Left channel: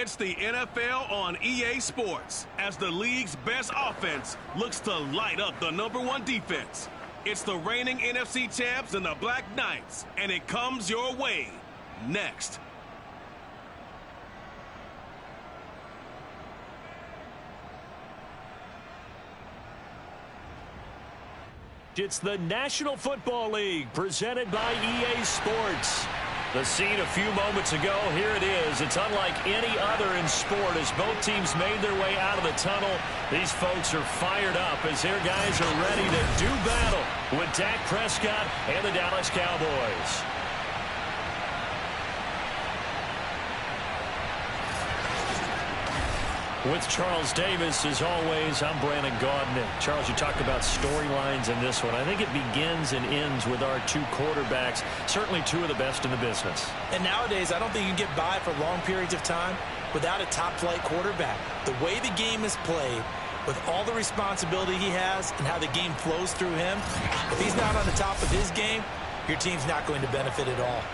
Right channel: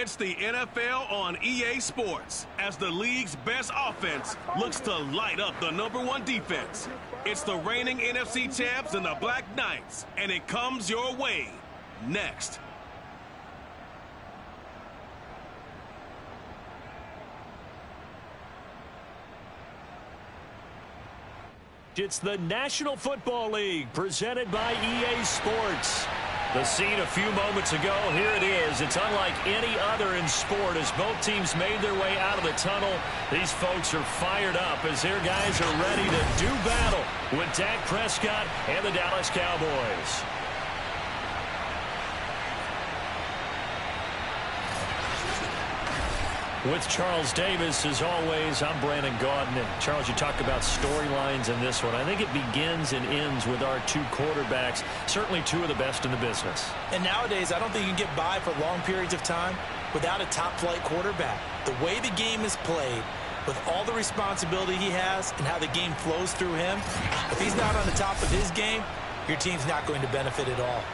It's the NFL on EA Sports as the league's best offense looks to light up the #1 defense. It's the reigning NFC champs and the Black Knights, and it comes your way next. It's the National Football League presented by EA Sports. The scene a few moments ago, here it is. It's unlike any other in sport as both teams made their way out of the tunnel. These folks are fired up as their guys are ready to do battle with Dak Prescott and the Dallas Cowboys. With Charles Davis, as always, I'm Brandon Gaudin. And Charles, you talk about storylines in this one. I think it begins and ends with our two quarterbacks, certainly two of the best in the business. And nowadays, I don't think you can get by for long periods of time without a top-flight quarterback. The way the game is played, with all the responsibility he has and how the game flows through him, if he's not on the top of his game, your team's not going to benefit at all.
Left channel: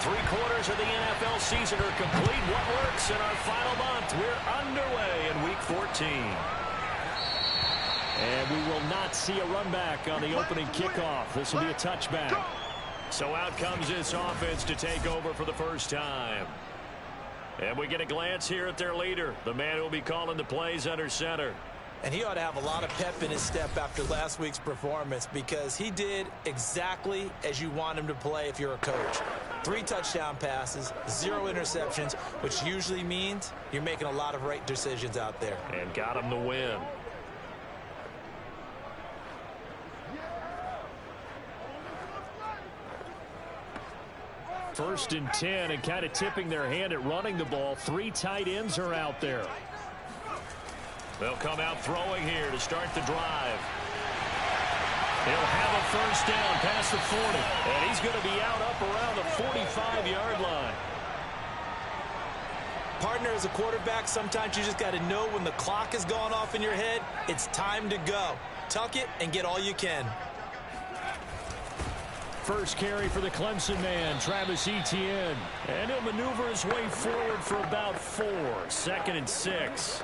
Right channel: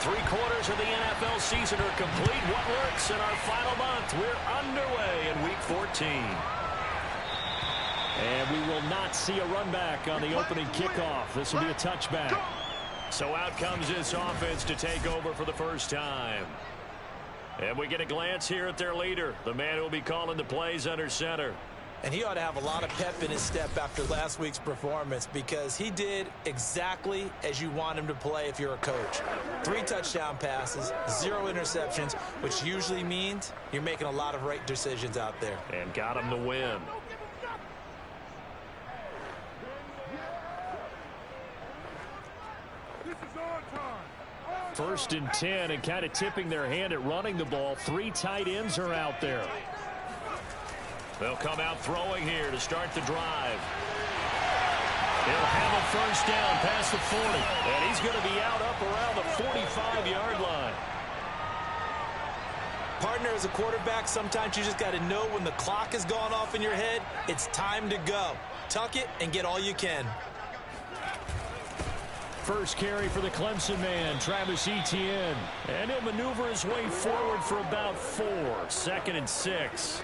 Three-quarters of the NFL season are complete. What works in our final month? We're underway in Week 14. And we will not see a run back on the opening kickoff. This will be a touchback. So out comes this offense to take over for the first time. And we get a glance here at their leader, the man who will be calling the plays under center. And he ought to have a lot of pep in his step after last week's performance because he did exactly as you want him to play if you're a coach. 3 touchdown passes, 0 interceptions, which usually means you're making a lot of right decisions out there. And got him the win. First and 10, and kind of tipping their hand at running the ball. 3 tight ends are out there. They'll come out throwing here to start the drive. He'll have a first down past the 40. And he's going to be out up around the 45-yard line. Partner, as a quarterback, sometimes you just got to know when the clock has gone off in your head, it's time to go. Tuck it and get all you can. First carry for the Clemson man, Travis Etienne. And he'll maneuver his way forward for about 4. 2nd and 6.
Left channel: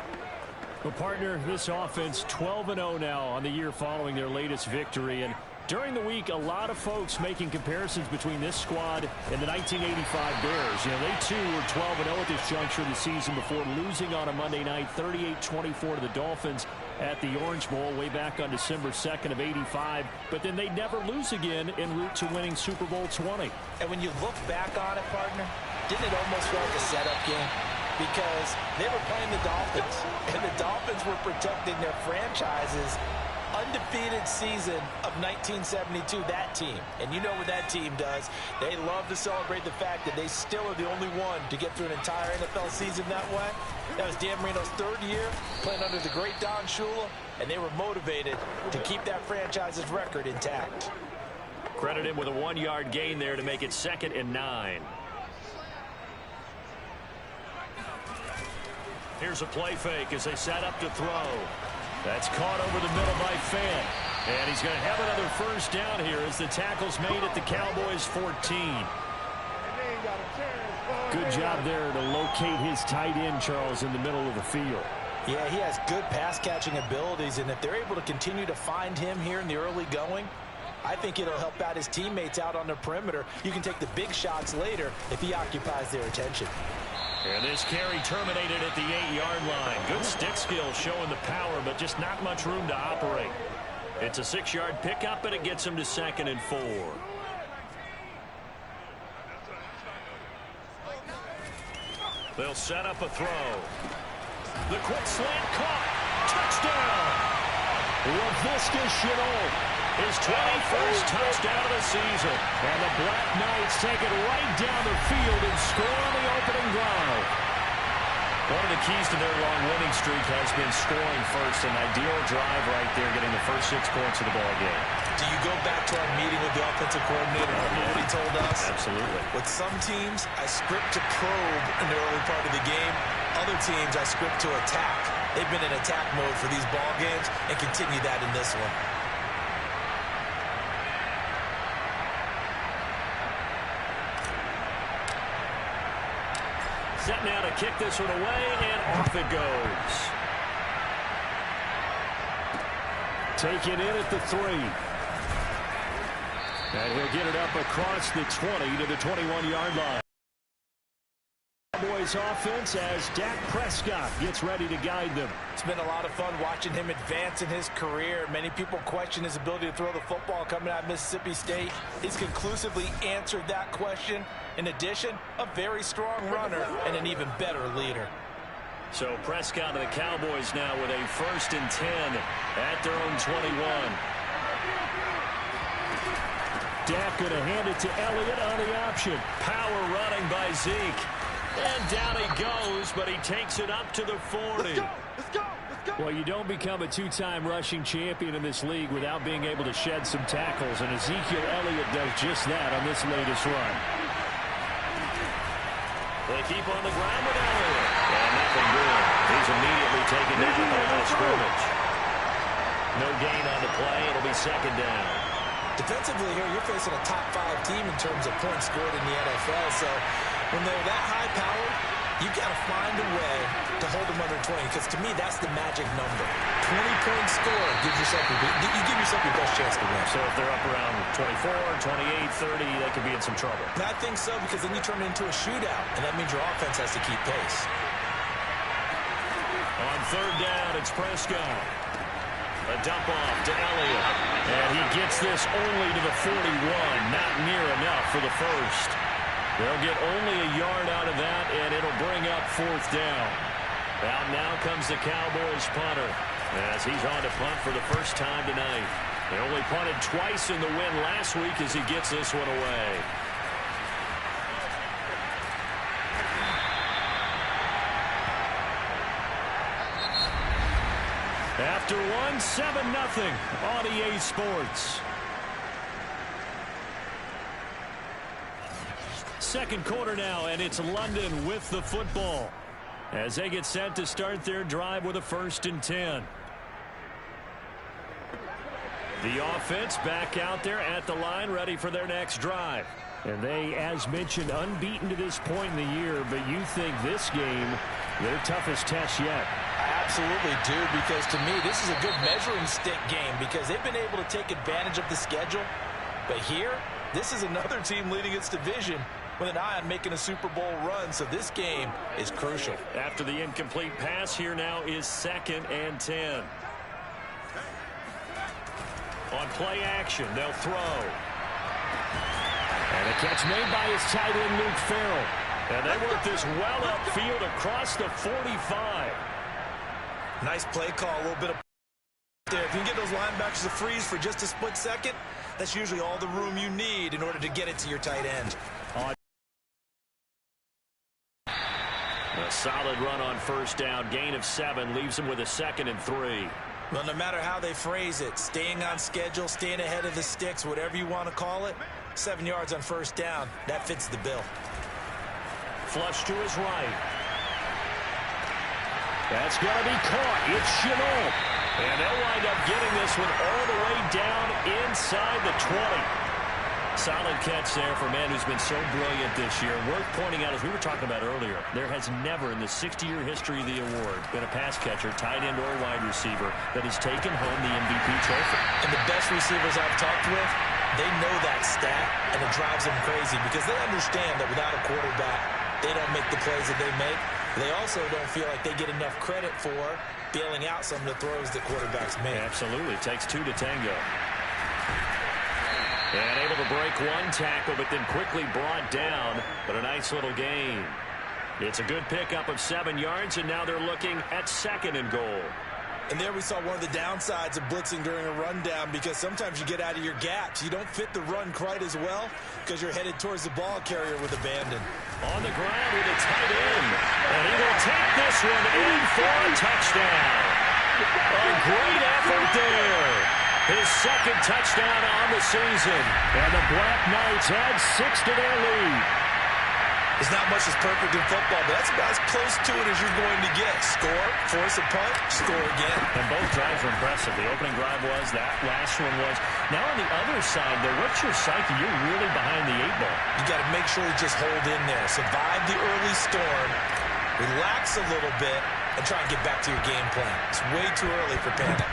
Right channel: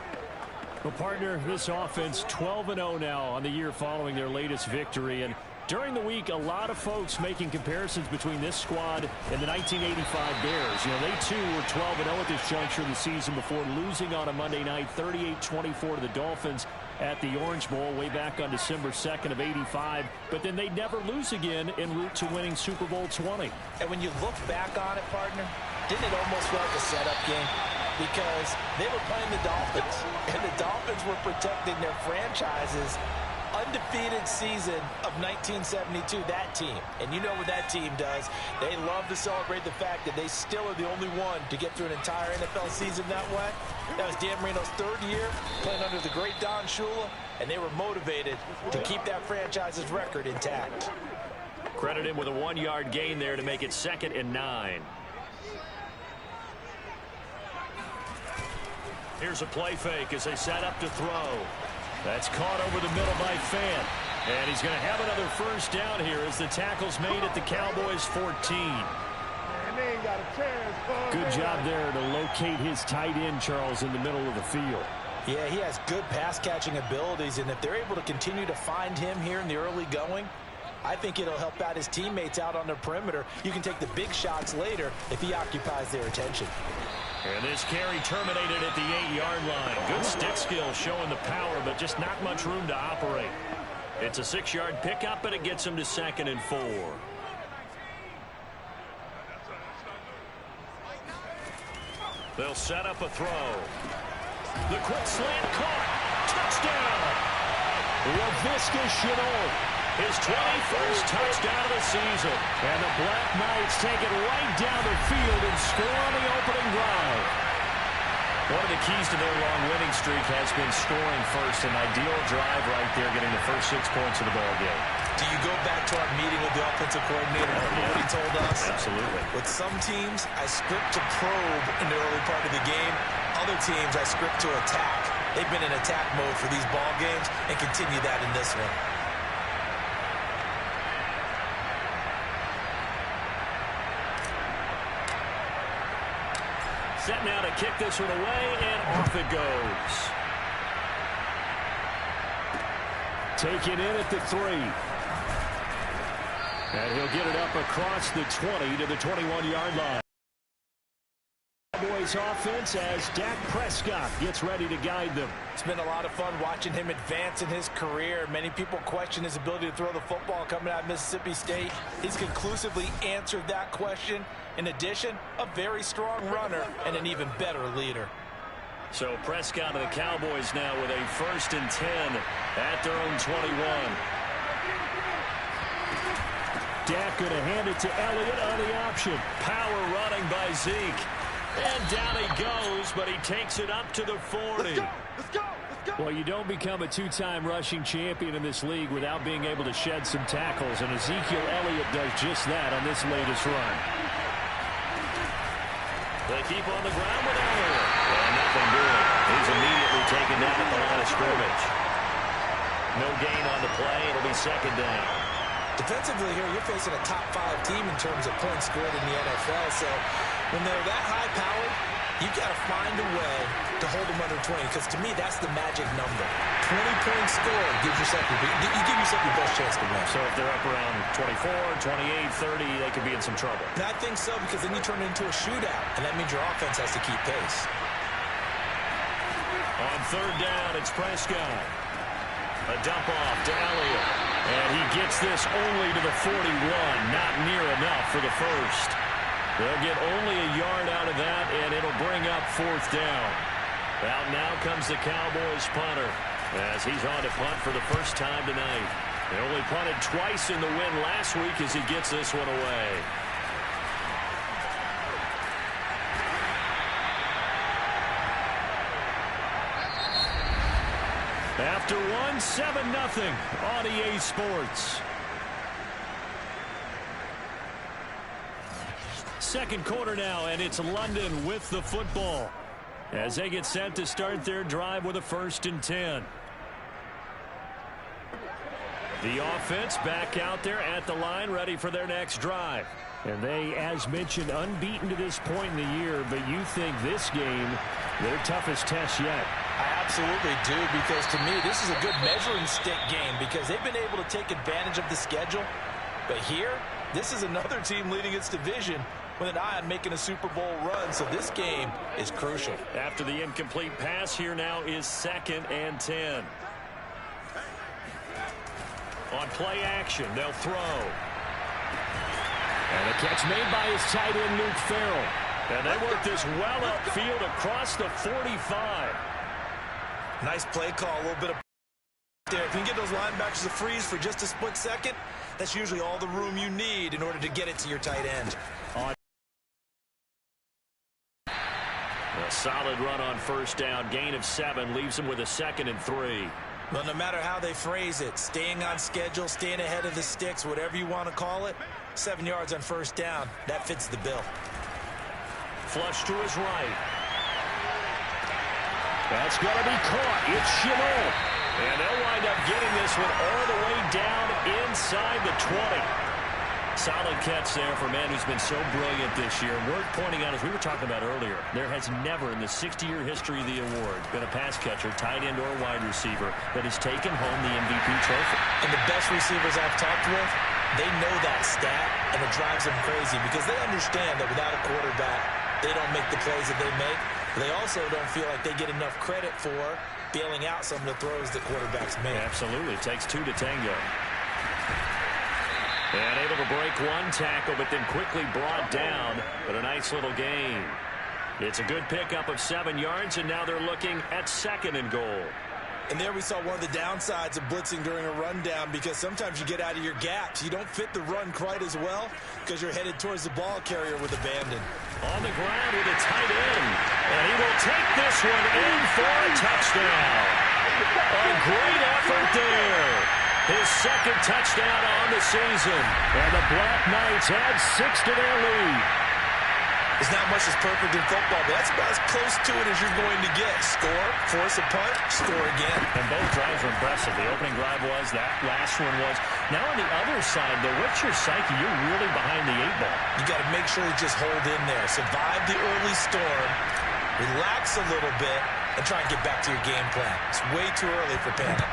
Well, partner, this offense 12-0 now on the year following their latest victory. And during the week, a lot of folks making comparisons between this squad and the 1985 Bears. You know, they too were 12-0 at this juncture of the season before losing on a Monday night 38-24 to the Dolphins at the Orange Bowl way back on December 2nd of 85. But then they never lose again en route to winning Super Bowl 20. And when you look back on it, partner, didn't it almost feel like a setup game? Because they were playing the Dolphins, and the Dolphins were protecting their franchise's undefeated season of 1972, that team. And you know what that team does. They love to celebrate the fact that they still are the only one to get through an entire NFL season that way. That was Dan Marino's 3rd year playing under the great Don Shula, and they were motivated to keep that franchise's record intact. Credit him with a 1-yard gain there to make it 2nd and 9. Here's a play fake as they set up to throw. That's caught over the middle by Fant. And he's going to have another first down here as the tackle's made at the Cowboys 14. Good job there to locate his tight end, Charles, in the middle of the field. Yeah, he has good pass-catching abilities, and if they're able to continue to find him here in the early going, I think it'll help out his teammates out on the perimeter. You can take the big shots later if he occupies their attention. And this carry terminated at the 8-yard line. Good stick skill showing the power, but just not much room to operate. It's a 6-yard pickup, and it gets him to 2nd and 4. They'll set up a throw. The quick slant caught. Touchdown. Laviska Shenault, his 21st touchdown of the season. And the Black Knights take it right down the field and score on the opening drive. One of the keys to their long winning streak has been scoring first. An ideal drive right there, getting the first 6 points of the ball game. Do you go back to our meeting with the offensive coordinator? Remember what he told us? Absolutely. With some teams, I script to probe in the early part of the game. Other teams, I script to attack. They've been in attack mode for these ball games and continue that in this one. Set now to kick this one away, and off it goes. Taken in at the 3. And he'll get it up across the 20 to the 21-yard line. Cowboys offense as Dak Prescott gets ready to guide them. It's been a lot of fun watching him advance in his career. Many people question his ability to throw the football coming out of Mississippi State. He's conclusively answered that question. In addition, a very strong runner and an even better leader. So Prescott and the Cowboys now with a 1st and 10 at their own 21. Dak going to hand it to Elliott on the option. Power running by Zeke. And down he goes, but he takes it up to the 40. Let's go! Let's go! Let's go! Well, you don't become a 2-time rushing champion in this league without being able to shed some tackles, and Ezekiel Elliott does just that on this latest run. They keep on the ground with Elliott. And nothing doing. He's immediately taken down at the line of scrimmage. No gain on the play. It'll be 2nd down. Defensively here, you're facing a top 5 team in terms of points scored in the NFL. So when they're that high-powered, you got to find a way to hold them under 20. Because to me, that's the magic number. 20 points scored gives yourself you give yourself your best chance to win. So if they're up around 24, 28, 30, they could be in some trouble. And I think so, because then you turn it into a shootout, and that means your offense has to keep pace. On 3rd down, it's Prescott. A dump off to Elliott. And he gets this only to the 41. Not near enough for the 1st. They'll get only a yard out of that, and it'll bring up 4th down. Out now comes the Cowboys punter, as he's on to punt for the first time tonight. They only punted twice in the win last week as he gets this one away. After 7-0 on EA Sports. 2nd quarter now, and it's London with the football as they get set to start their drive with a 1st and 10. The offense back out there at the line, ready for their next drive. And they, as mentioned, unbeaten to this point in the year, but you think this game, their toughest test yet. I absolutely do, because to me, this is a good measuring stick game because they've been able to take advantage of the schedule. But here, this is another team leading its division with an eye on making a Super Bowl run, so this game is crucial. After the incomplete pass, here now is 2nd and 10. On play action, they'll throw. And a catch made by his tight end, Luke Farrell. And they work this well upfield across the 45. Nice play call, a little bit of there. If you can get those linebackers to freeze for just a split second, that's usually all the room you need in order to get it to your tight end. A solid run on 1st down. Gain of 7 leaves him with a 2nd and 3. Well, no matter how they phrase it, staying on schedule, staying ahead of the sticks, whatever you want to call it, 7 yards on 1st down, that fits the bill. Flush to his right. That's going to be caught. It's Chenault. And they'll wind up getting this one all the way down inside the 20. Solid catch there for a man who's been so brilliant this year. Worth pointing out, as we were talking about earlier, there has never in the 60-year history of the award been a pass catcher, tight end or wide receiver that has taken home the MVP trophy. And the best receivers I've talked with, they know that stat, and it drives them crazy because they understand that without a quarterback, they don't make the plays that they make. They also don't feel like they get enough credit for bailing out some of the throws that quarterbacks make. Absolutely. It takes 2 to tango. And able to break one tackle, but then quickly brought down. But a nice little gain. It's a good pickup of 7 yards, and now they're looking at 2nd and goal. And there we saw one of the downsides of blitzing during a rundown, because sometimes you get out of your gaps. You don't fit the run quite as well because you're headed towards the ball carrier with abandon. On the ground with a tight end. And he will take this one in for a touchdown. A great effort there. His second touchdown on the season. And the Black Knights add 6 to their lead. It's not much that's perfect in football, but that's about as close to it as you're going to get. Score, force a punt, score again. And both drives were impressive. The opening drive was, that last one was. Now on the other side, though, what's your psyche? You're really behind the 8-ball. You got to make sure you just hold in there. Survive the early storm, relax a little bit, and try and get back to your game plan. It's way too early for panic.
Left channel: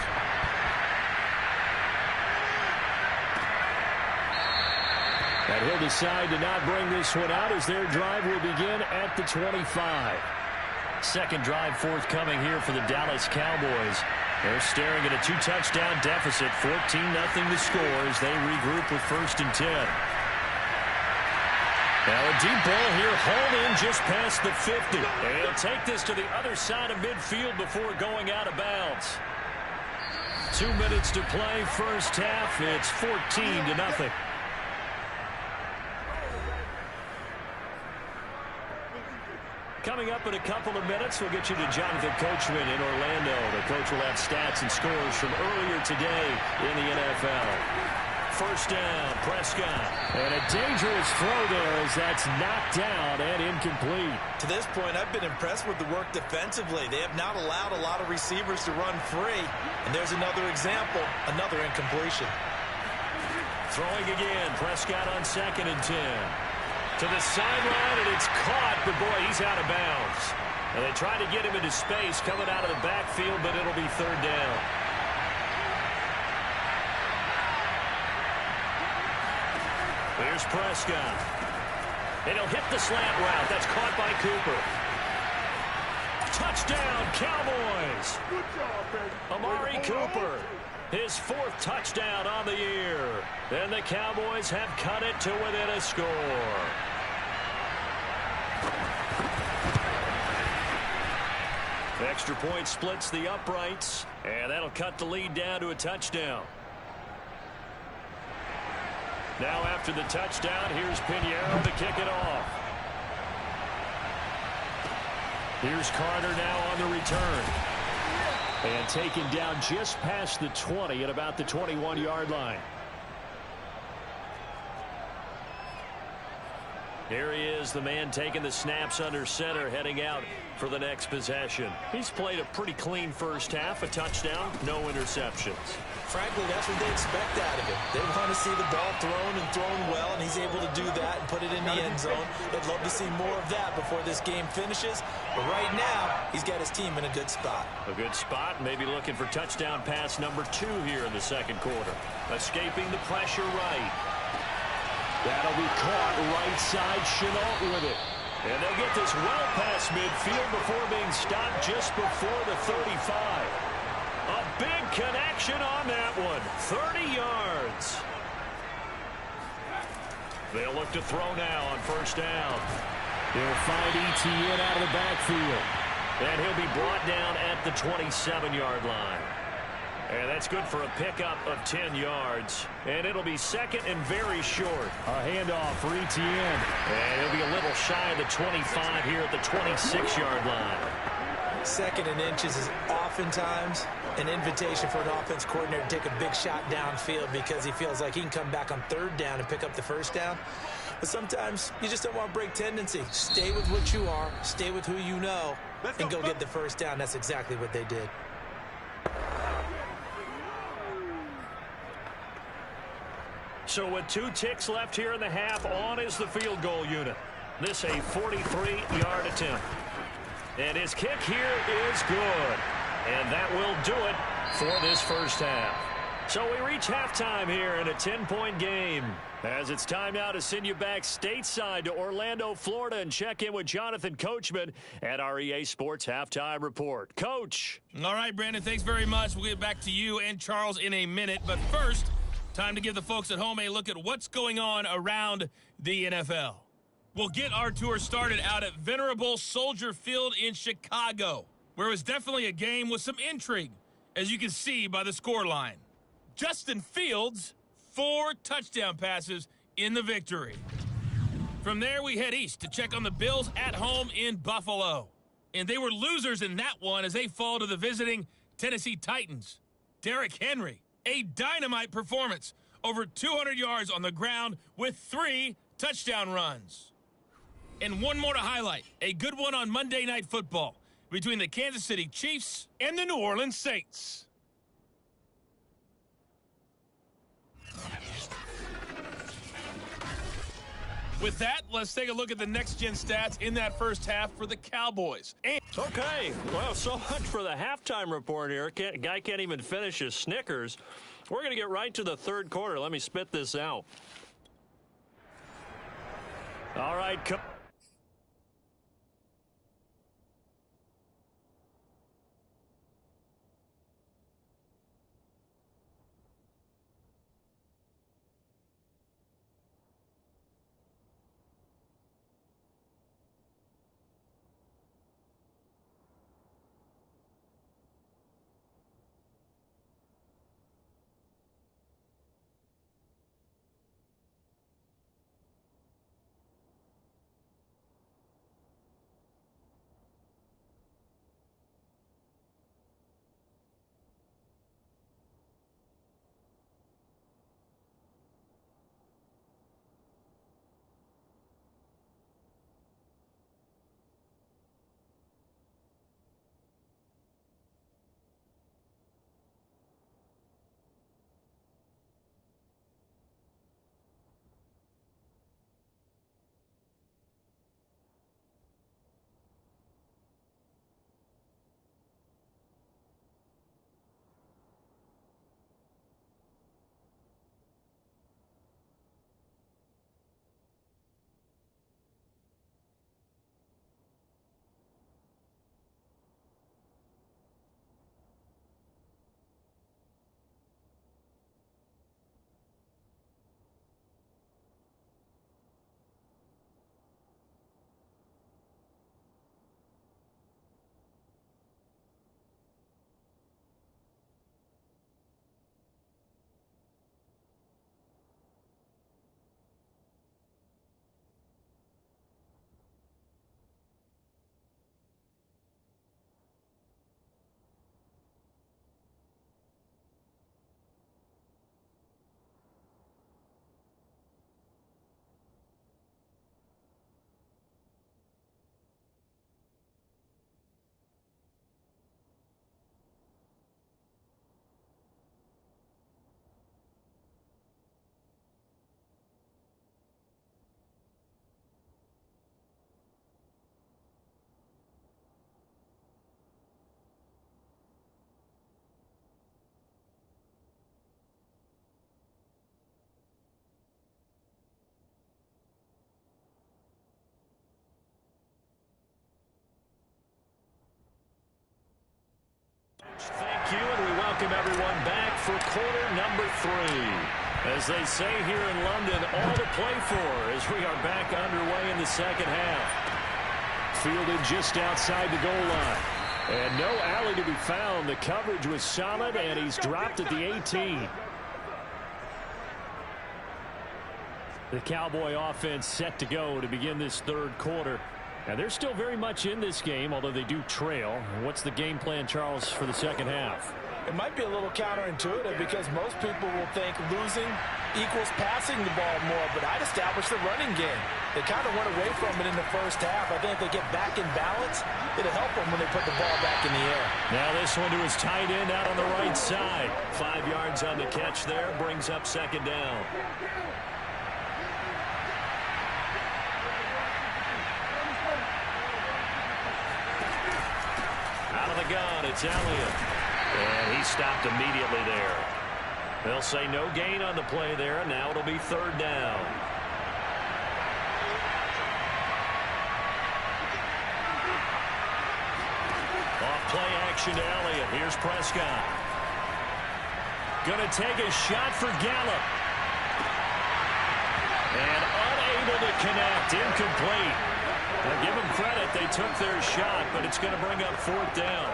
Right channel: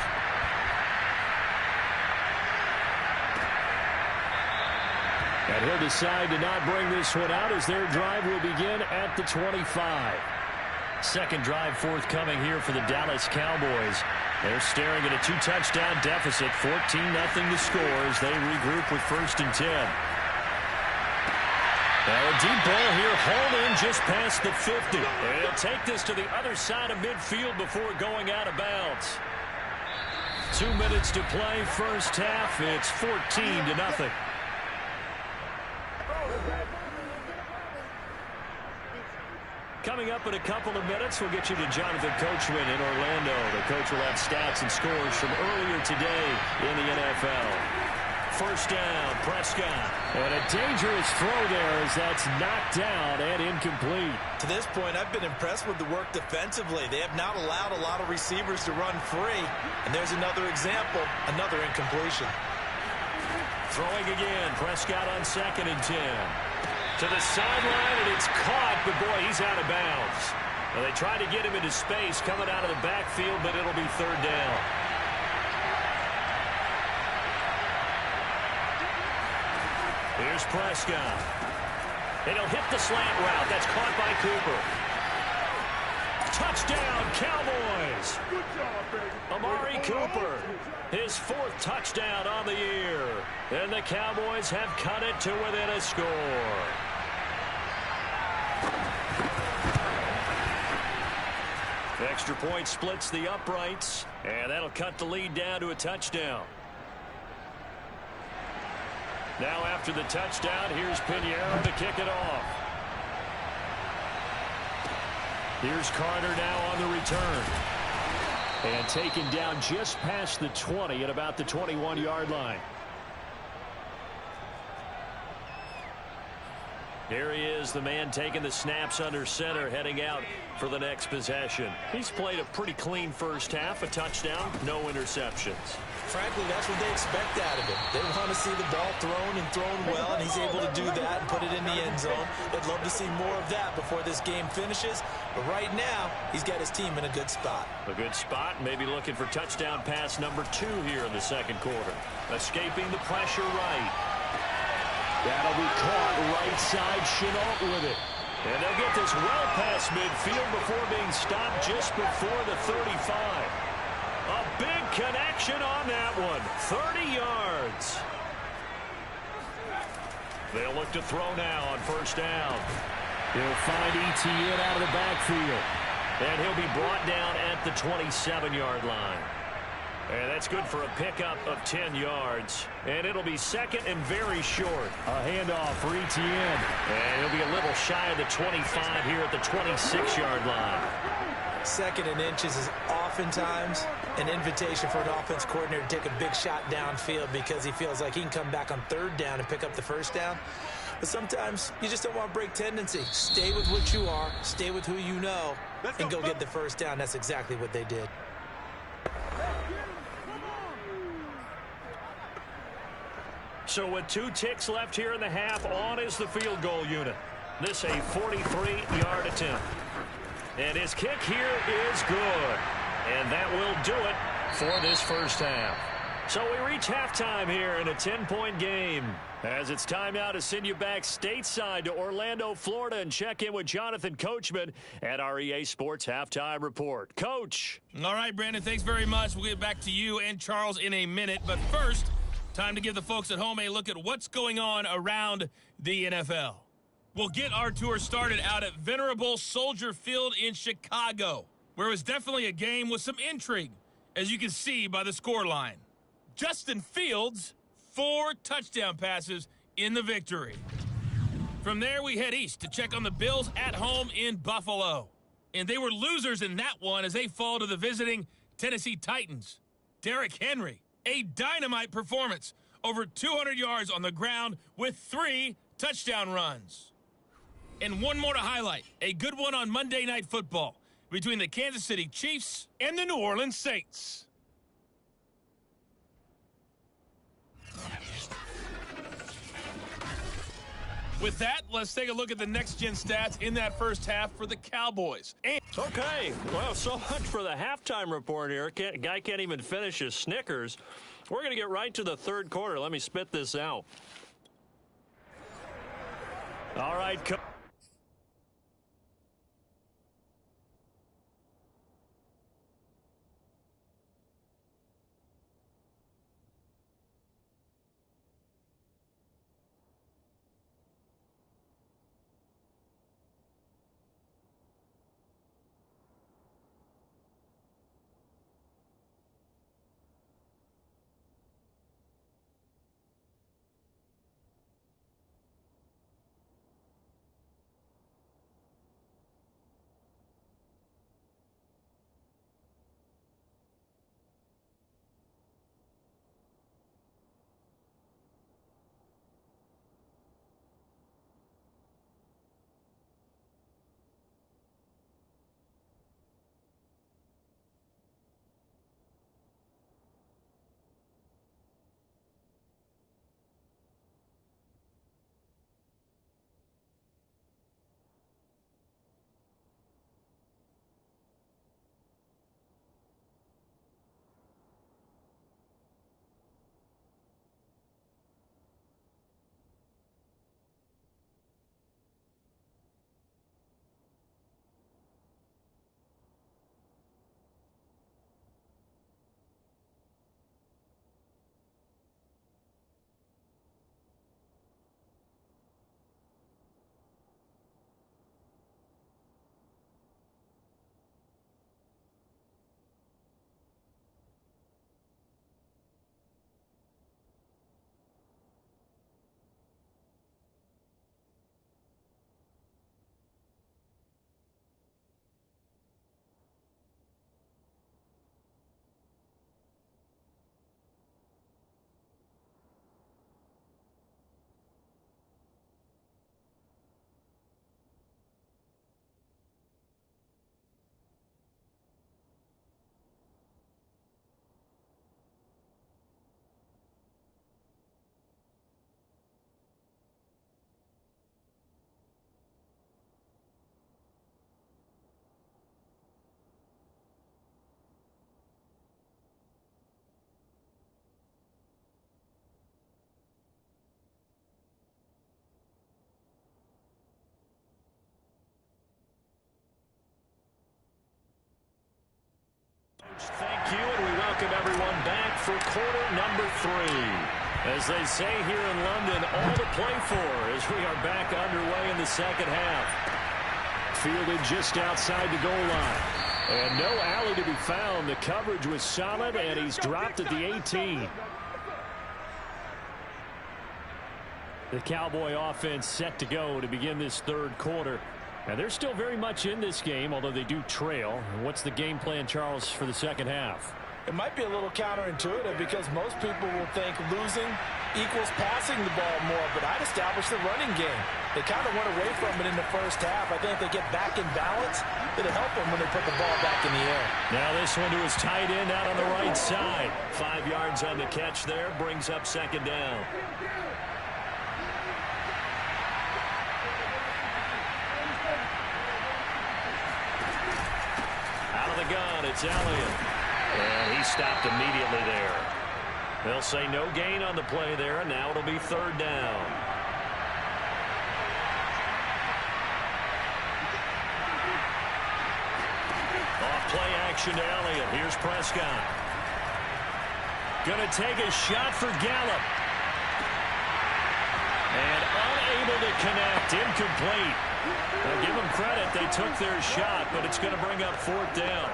And he'll decide to not bring this one out as their drive will begin at the 25. Second drive forthcoming here for the Dallas Cowboys. They're staring at a 2-touchdown deficit, 14-0 to score as they regroup with 1st and 10. Now a deep ball here, hauled in just past the 50. And he'll take this to the other side of midfield before going out of bounds. 2 minutes to play, first half. It's 14-0. Coming up in a couple of minutes, we'll get you to Jonathan Coachman in Orlando. The coach will have stats and scores from earlier today in the NFL. First down, Prescott. And a dangerous throw there as that's knocked down and incomplete. To this point, I've been impressed with the work defensively. They have not allowed a lot of receivers to run free. And there's another example, another incompletion. Throwing again, Prescott on 2nd and 10. To the sideline, and it's caught, but boy, he's out of bounds. Well, they tried to get him into space coming out of the backfield, but it'll be 3rd down. Here's Prescott. And he'll hit the slant route. That's caught by Cooper. Touchdown, Cowboys. Good job, baby. Amari Cooper. His 4th touchdown on the year. And the Cowboys have cut it to within a score. Extra point splits the uprights, and that'll cut the lead down to a touchdown. Now after the touchdown, here's Pinheiro to kick it off. Here's Carter now on the return. And taken down just past the 20 at about the 21-yard line. Here he is, the man taking the snaps under center, heading out for the next possession. He's played a pretty clean first half, a touchdown, no interceptions. Frankly, that's what they expect out of him. They want to see the ball thrown and thrown well, and he's able to do that and put it in the end zone. They'd love to see more of that before this game finishes. But right now, he's got his team in a good spot. A good spot, maybe looking for touchdown pass number 2 here in the second quarter. Escaping the pressure right. That'll be caught right side, Chenault with it. And they'll get this well past midfield before being stopped just before the 35. A big connection on that one. 30 yards. They'll look to throw now on first down. He'll find Etienne out of the backfield. And he'll be brought down at the 27-yard line. And that's good for a pickup of 10 yards. And it'll be second and very short. A handoff for Etienne. And he'll be a little shy of the 25 here at the 26-yard line. Second and inches is oftentimes an invitation for an offense coordinator to take a big shot downfield because he feels like he can come back on 3rd down and pick up the first down. But sometimes you just don't want to break tendency. Stay with what you are, stay with who you know, and go get the first down. That's exactly what they did. So with 2 ticks left here in the half, on is the field goal unit. This a 43-yard attempt. And his kick here is good. And that will do it for this first half. So we reach halftime here in a 10-point game. As it's time now to send you back stateside to Orlando, Florida, and check in with Jonathan Coachman at our EA Sports Halftime Report. Coach. All right, Brandon, thanks very much. We'll get back to you and Charles in a minute. But first, time to give the folks at home a look at what's going on around the NFL. We'll get our tour started out at Venerable Soldier Field in Chicago, where it was definitely a game with some intrigue, as you can see by the scoreline. Justin Fields, 4 touchdown passes in the victory. From there, we head east to check on the Bills at home in Buffalo. And they were losers in that one as they fall to the visiting Tennessee Titans. Derrick Henry, A dynamite performance. Over 200 yards on the ground with 3 touchdown runs. And one more to highlight. A good one on Monday Night Football between the Kansas City Chiefs and the New Orleans Saints. With that, let's take a look at the next-gen stats in that first half for the Cowboys. Okay, well, so much for the halftime report here. Guy can't even finish his Snickers. We're going to get right to the third quarter. Let me spit this out. All right, thank you, and we welcome everyone back for quarter number 3. As they say here in London, all to play for as we are back underway in the second half. Fielded just outside the goal line. And no alley to be found. The coverage was solid, and he's dropped at the 18. The Cowboy offense set to go to begin this third quarter. And they're still very much in this game, although they do trail. What's the game plan, Charles, for the second half? It might be a little counterintuitive because most people will think losing equals passing the ball more, but I'd establish the running game. They kind of went away from it in the first half. I think if they get back in balance, it'll help them when they put the ball back in the air. Now this one to his tight end out on the right side. 5 yards on the catch there, brings up second down. Out of the gun, it's Elliott. And he stopped immediately there. They'll say no gain on the play there, and now it'll be third down. Off play action to Elliott. Here's Prescott. Gonna take a shot for Gallup. And unable to connect. Incomplete. Now give them credit. They took their shot, but it's going to bring up fourth down.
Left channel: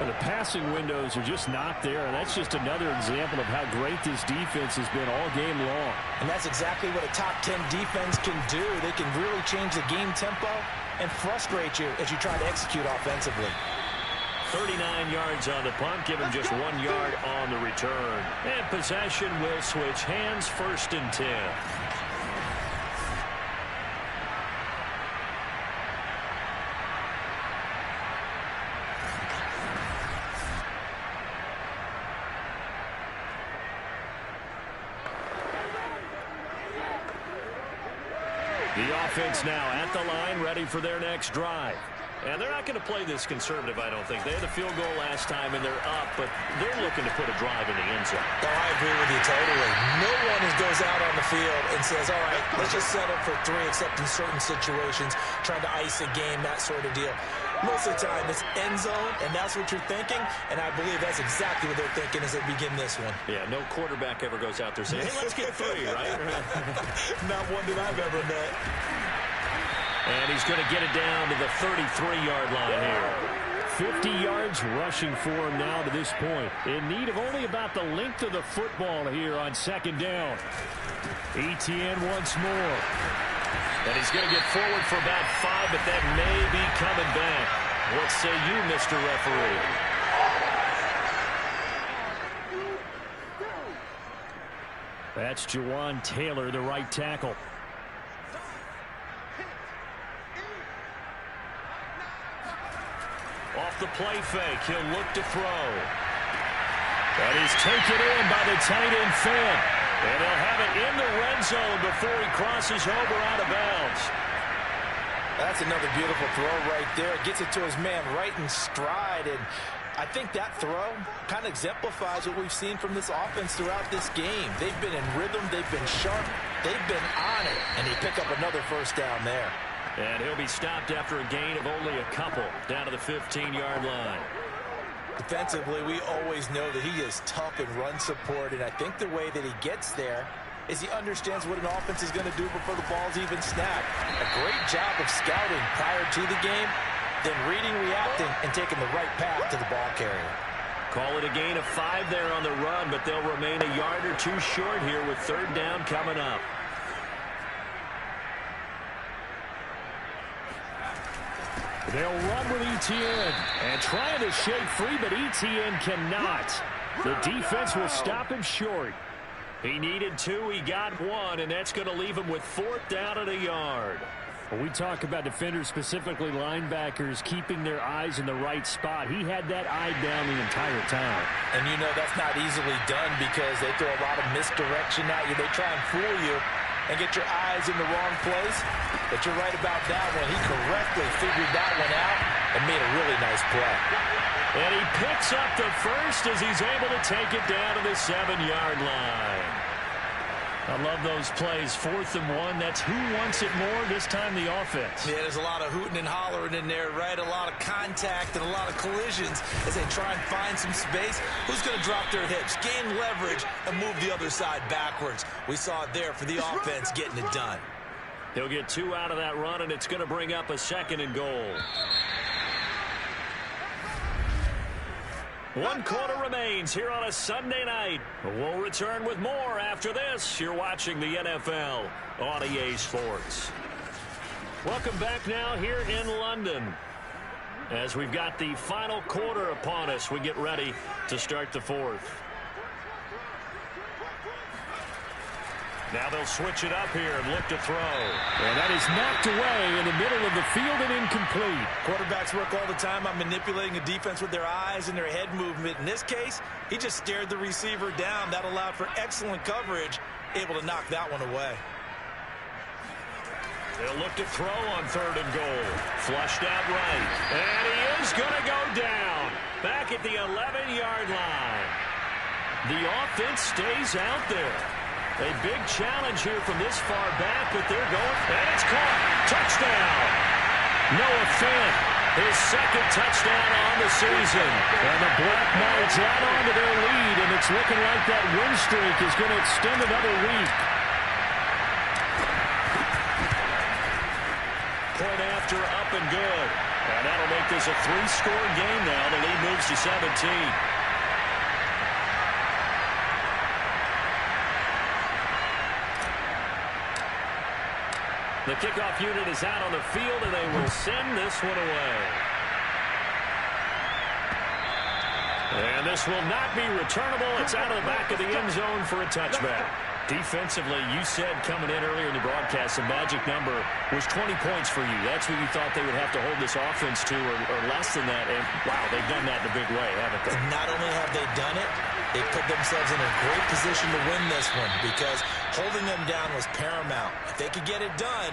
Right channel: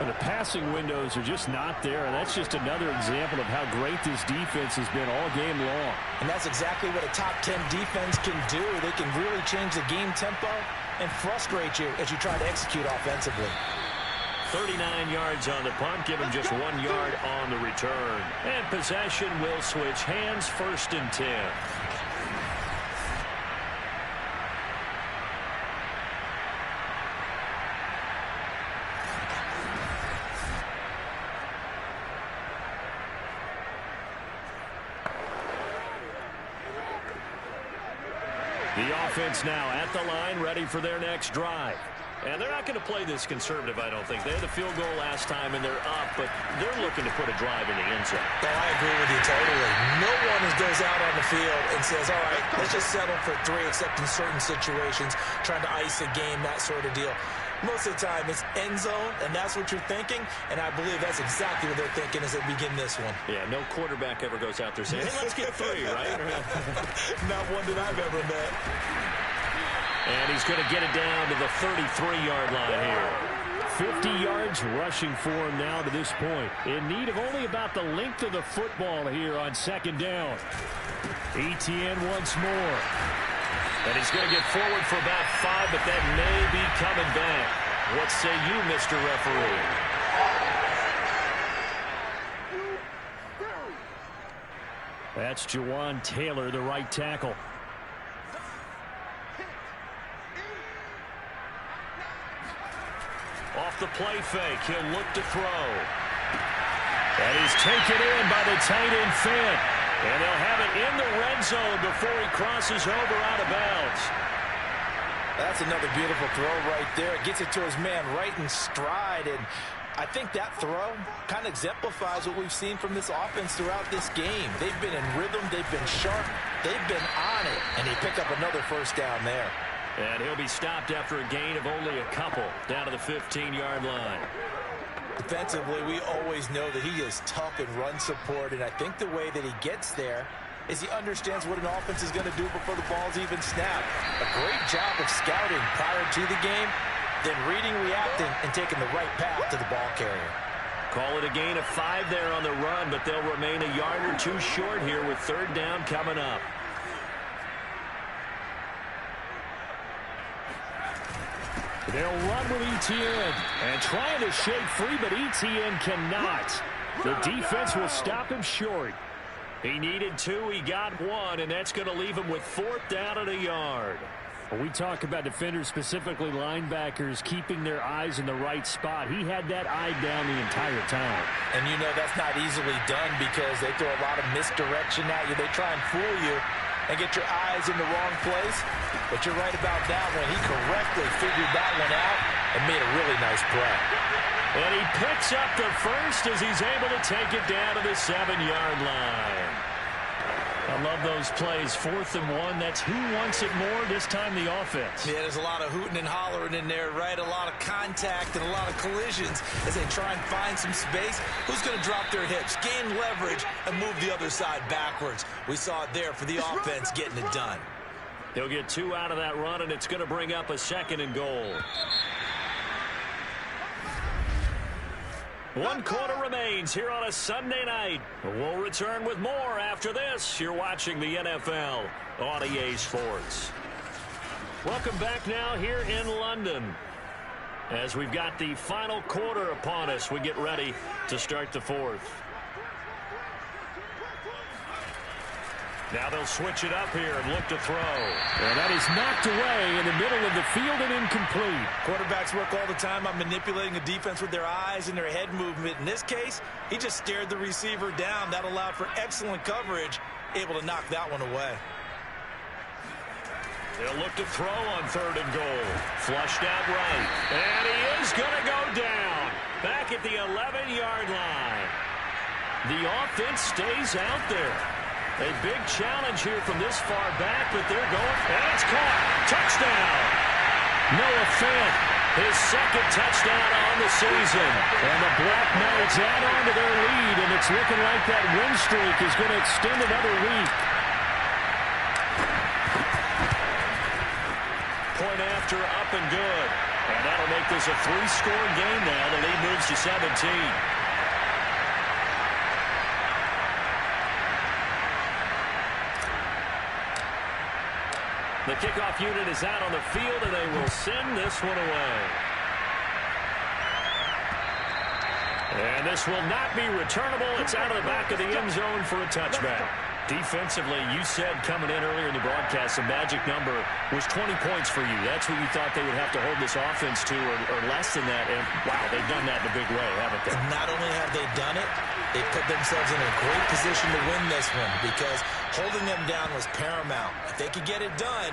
And the passing windows are just not there, and that's just another example of how great this defense has been all game long. And that's exactly what a top 10 defense can do. They can really change the game tempo and frustrate you as you try to execute offensively. 39 yards on the punt, give him just 1 yard on the return. And possession will switch hands, 1st and 10. The offense now at the line, ready for their next drive. And they're not going to play this conservative, I don't think. They had the field goal last time, and they're up, but they're looking to put a drive in the end zone. Oh, I agree with you totally. No one goes out on the field and says, all right, let's just settle for 3, except in certain situations, trying to ice a game, that sort of deal. Most of the time, it's end zone, and that's what you're thinking, and I believe that's exactly what they're thinking as they begin this one. Yeah, no quarterback ever goes out there saying, hey, let's get 3, right? Not one that I've ever met. And he's going to get it down to the 33-yard line here. 50 yards rushing for him now to this point. In need of only about the length of the football here on 2nd down. Etienne once more. And he's going to get forward for about 5, but that may be coming back. What say you, Mr. Referee? That's Jawan Taylor, the right tackle. Off the play fake, he'll look to throw. That is taken in by the tight end Fant. And they'll have it in the red zone before he crosses over out of bounds. That's another beautiful throw right there. Gets it to his man right in stride. And I think that throw kind of exemplifies what we've seen from this offense throughout this game. They've been in rhythm. They've been sharp. They've been on it. And they pick up another 1st down there. And he'll be stopped after a gain of only a couple down to the 15-yard line. Defensively, we always know that he is tough in run support, and I think the way that he gets there is he understands what an offense is going to do before the ball's even snapped. A great job of scouting prior to the game, then reading, reacting, and taking the right path to the ball carrier. Call it a gain of 5 there on the run, but they'll remain a yard or 2 short here with 3rd down coming up. They'll run with Etienne and trying to shake free, but Etienne cannot. The defense will stop him short. He needed 2, he got 1, and that's going to leave him with 4th down at a yard. When we talk about defenders, specifically linebackers, keeping their eyes in the right spot, he had that eye down the entire time. And you know that's not easily done because they throw a lot of misdirection at you. They try and fool you and get your eyes in the wrong place. But you're right about that one. He correctly figured that one out and made a really nice play. And he picks up the 1st as he's able to take it down to the 7-yard line. I love those plays. 4th and 1. That's who wants it more, this time the offense. Yeah, there's a lot of hooting and hollering in there, right? A lot of contact and a lot of collisions as they try and find some space. Who's going to drop their hips, gain leverage, and move the other side backwards? We saw it there for the offense getting it done. He'll get 2 out of that run, and it's going to bring up a 2nd and goal. 1 quarter remains here on a Sunday night. We'll return with more after this. You're watching the NFL on EA Sports. Welcome back now here in London. As we've got the final quarter upon us, we get ready to start the 4th. Now they'll switch it up here and look to throw. And that is knocked away in the middle of the field and incomplete. Quarterbacks work all the time on manipulating a defense with their eyes and their head movement. In this case, he just stared the receiver down. That allowed for excellent coverage, able to knock that one away. They'll look to throw on 3rd and goal. Flushed out right. And he is going to go down. Back at the 11-yard line. The offense stays out there. A big challenge here from this far back, but they're going, and it's caught. Touchdown. Noah Fant, his 2nd touchdown on the season. And the Black Knights add on to their lead, and it's looking like that win streak is going to extend another week. Point after, up and good. And that'll make this a 3-score game now. The lead moves to 17. The kickoff unit is out on the field, and they will send this one away. And this will not be returnable. It's out of the back of the end zone for a touchback. Defensively, you said coming in earlier in the broadcast, the magic number was 20 points for you. That's what you thought they would have to hold this offense to, or less than that. And, wow, they've done that in a big way, haven't they? Not only have they done it, they put themselves in a great position to win this one because holding them down was paramount. If they could get it done,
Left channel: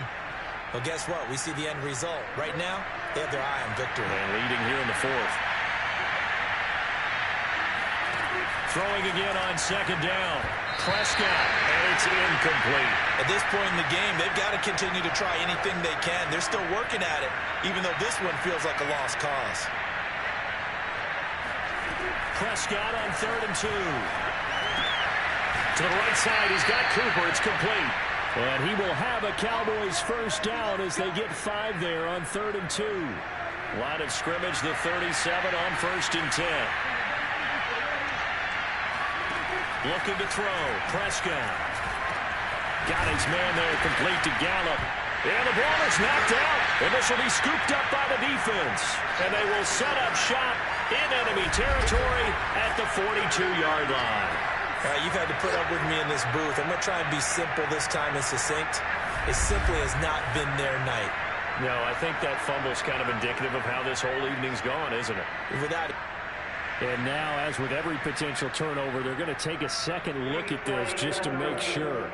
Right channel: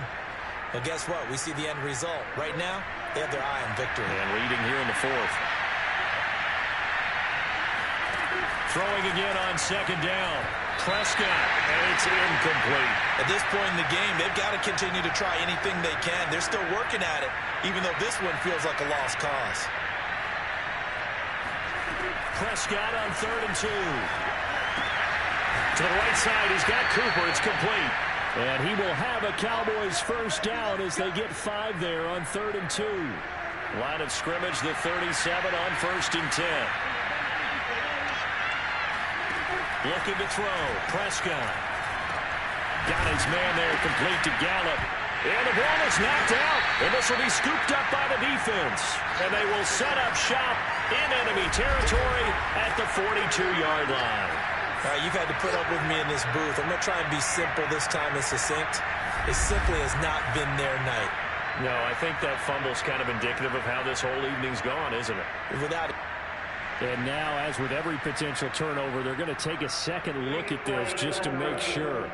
well, guess what? We see the end result. Right now, they have their eye on victory. And leading here in the fourth. Throwing again on second down. Prescott, and it's incomplete. At this point in the game, they've got to continue to try anything they can. They're still working at it, even though this one feels like a lost cause. Prescott on 3rd and 2. To the right side, he's got Cooper. It's complete. And he will have a Cowboys first down as they get 5 there on 3rd and 2. Line of scrimmage, the 37 on 1st and 10. Looking to throw. Prescott. Got his man there, complete to Gallup. And the ball is knocked out. And this will be scooped up by the defense. And they will set up shop in enemy territory at the 42-yard line. All right, you've had to put up with me in this booth. I'm going to try and be simple this time and succinct. It simply has not been their night. No, I think that fumble's kind of indicative of how this whole evening's gone, isn't it? Without it. And now, as with every potential turnover, they're going to take a second look at this just to make sure.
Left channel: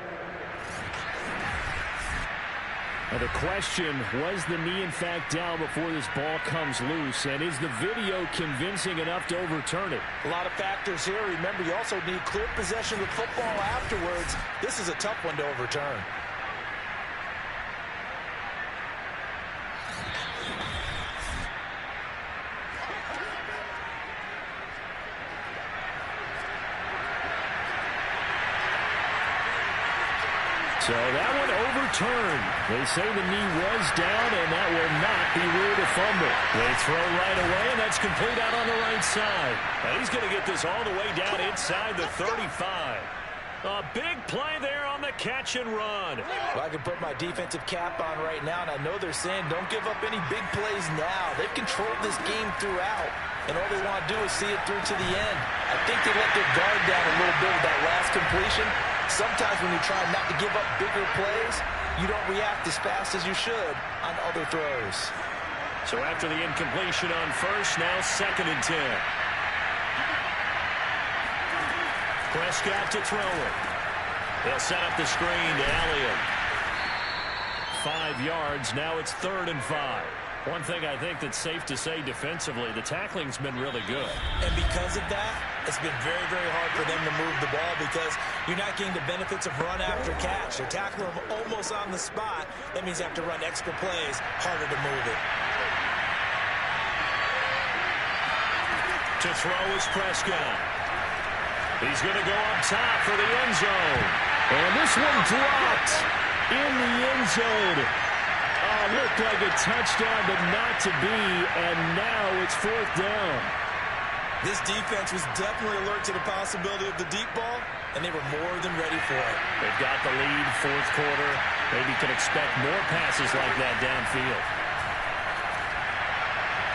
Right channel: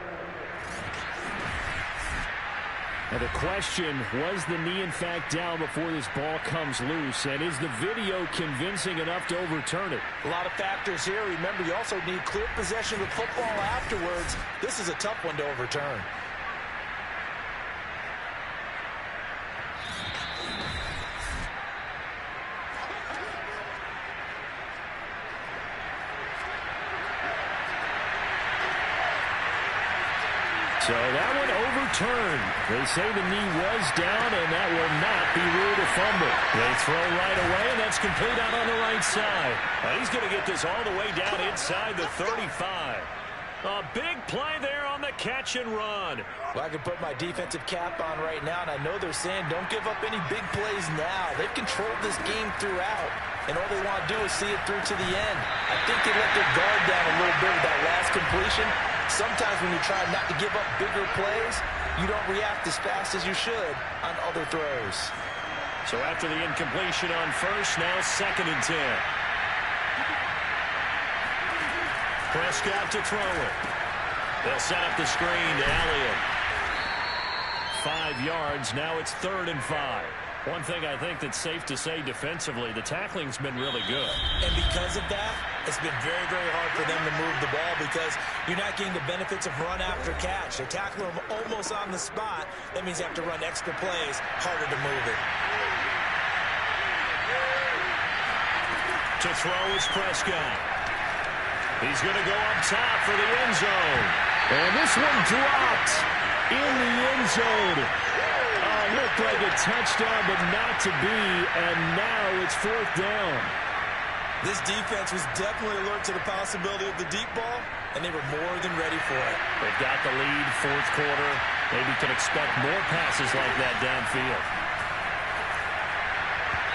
Now the question, was the knee in fact down before this ball comes loose? And is the video convincing enough to overturn it? A lot of factors here. Remember, you also need clear possession of the football afterwards. This is a tough one to overturn. So that one overturned. They say the knee was down, and that will not be ruled a fumble. They throw right away, and that's complete out on the right side. Now he's going to get this all the way down inside the 35. A big play there on the catch and run. Well, I can put my defensive cap on right now, and I know they're saying don't give up any big plays now. They've controlled this game throughout, and all they want to do is see it through to the end. I think they let their guard down a little bit with that last completion. Sometimes when you're trying not to give up bigger plays, you don't react as fast as you should on other throws. So after the incompletion on first, now 2nd and 10. Prescott to throw it. They'll set up the screen to Elliott. 5 yards. Now it's 3rd and 5. One thing I think that's safe to say defensively, the tackling's been really good. And because of that, it's been very, very hard for them to move the ball because you're not getting the benefits of run after catch. They're tackling them almost on the spot. That means you have to run extra plays, harder to move it. To throw is Prescott. He's going to go up top for the end zone. And this one dropped in the end zone. Looked like a touchdown, but not to be, and now it's 4th down. This defense was definitely alert to the possibility of the deep ball, and they were more than ready for it. They've got the lead, 4th quarter. Maybe can expect more passes like that downfield.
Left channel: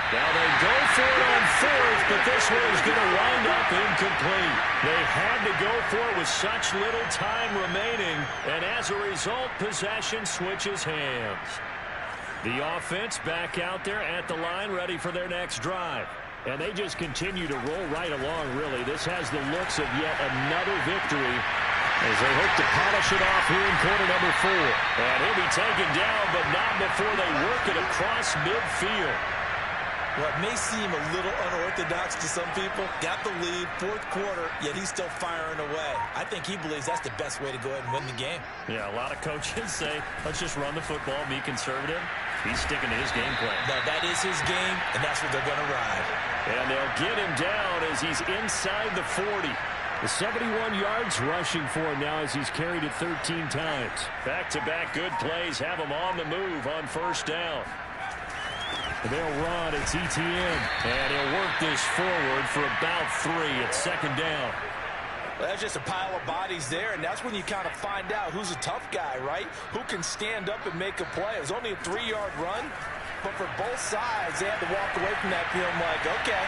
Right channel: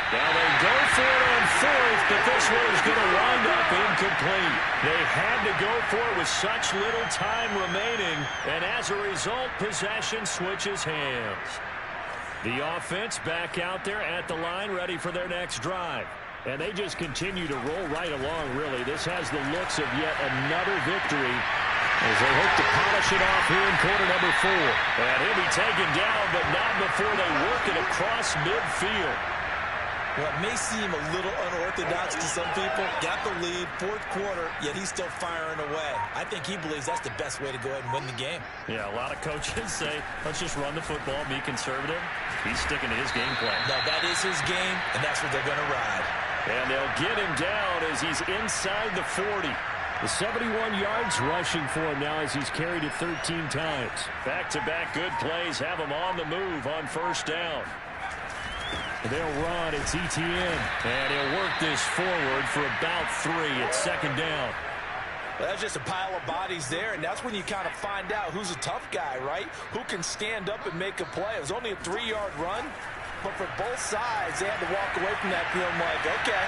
Now they go for it on 4th, but this one is going to wind up incomplete. They had to go for it with such little time remaining, and as a result, possession switches hands. The offense back out there at the line, ready for their next drive. And they just continue to roll right along, really. This has the looks of yet another victory as they hope to polish it off here in quarter number 4. And he'll be taken down, but not before they work it across midfield. What may seem a little unorthodox to some people, got the lead, 4th quarter, yet he's still firing away. I think he believes that's the best way to go ahead and win the game. Yeah, a lot of coaches say, let's just run the football, be conservative. He's sticking to his game plan. No, that is his game, and that's what they're going to ride. And they'll get him down as he's inside the 40. The 71 yards rushing for him now as he's carried it 13 times. Back-to-back good plays have him on the move on 1st down. They'll run. It's ETN. And he'll work this forward for about 3 at 2nd down. Well, that's just a pile of bodies there, and that's when you kind of find out who's a tough guy, right? Who can stand up and make a play. It was only a 3-yard run, but for both sides, they had to walk away from that feeling like, okay,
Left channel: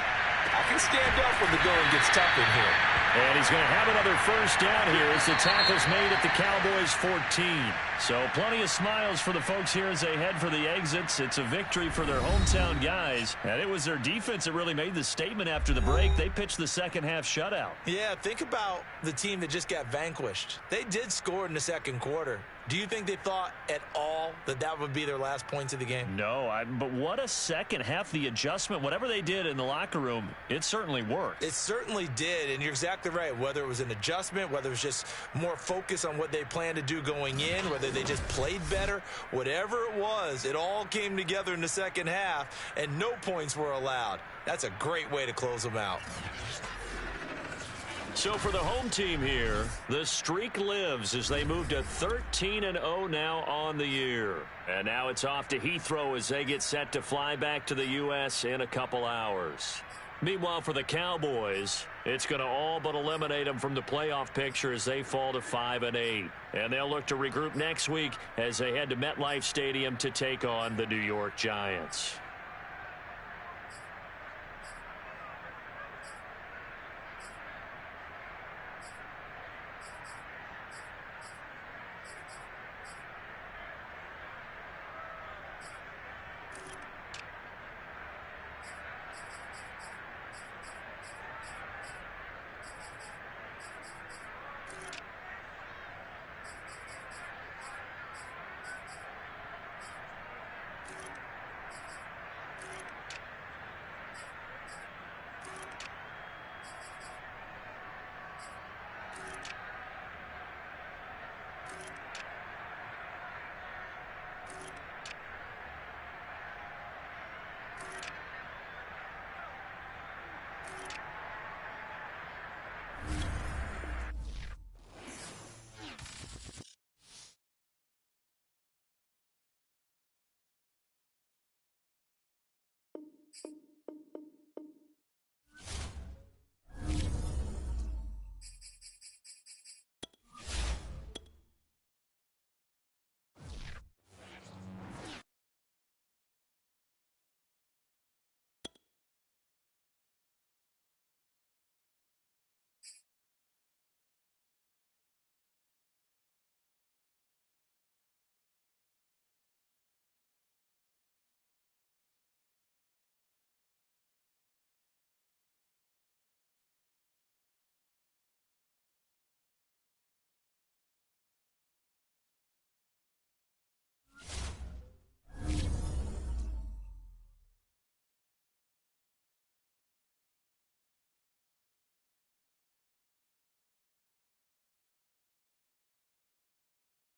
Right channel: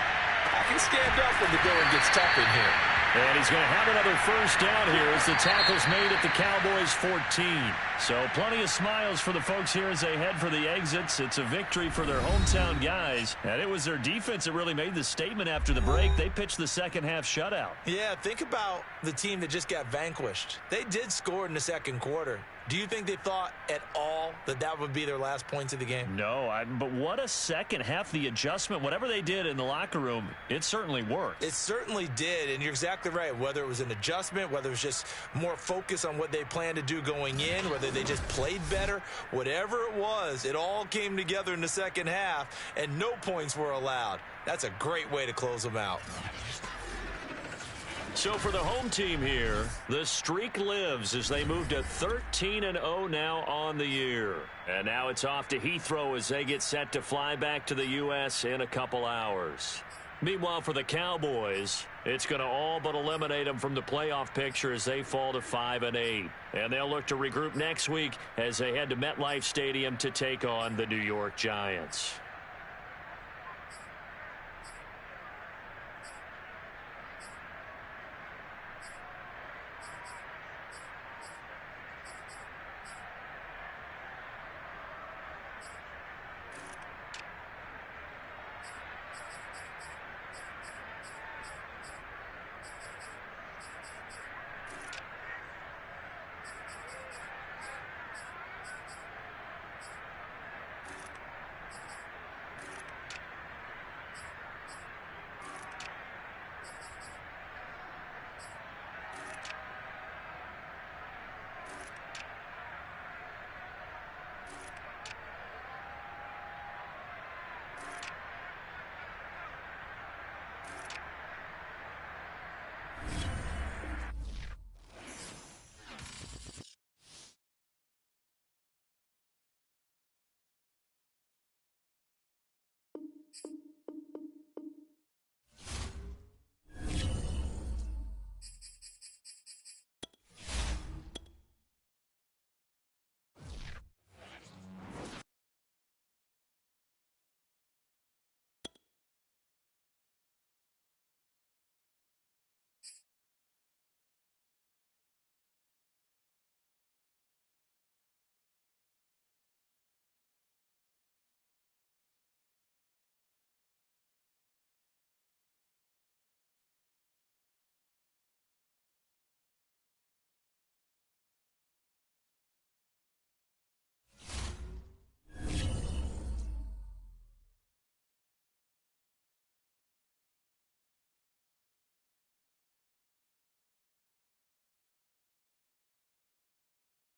I can stand up when the going gets tough in here. And he's going to have another first down here as the tackle's made at the Cowboys 14. So plenty of smiles for the folks here as they head for the exits. It's a victory for their hometown guys. And it was their defense that really made the statement after the break. They pitched the second half shutout. Yeah, think about the team that just got vanquished. They did score in the second quarter. Do you think they thought at all that that would be their last points of the game? No, but what a second half. The adjustment, whatever they did in the locker room, it certainly worked. It certainly did, and you're exactly right. Whether it was an adjustment, whether it was just more focus on what they planned to do going in, whether they just played better, whatever it was, it all came together in the second half, and no points were allowed. That's a great way to close them out. So for the home team here, the streak lives as they move to 13-0 now on the year. And now it's off to Heathrow as they get set to fly back to the U.S. in a couple hours. Meanwhile, for the Cowboys, it's going to all but eliminate them from the playoff picture as they fall to 5-8. And they'll look to regroup next week as they head to MetLife Stadium to take on the New York Giants.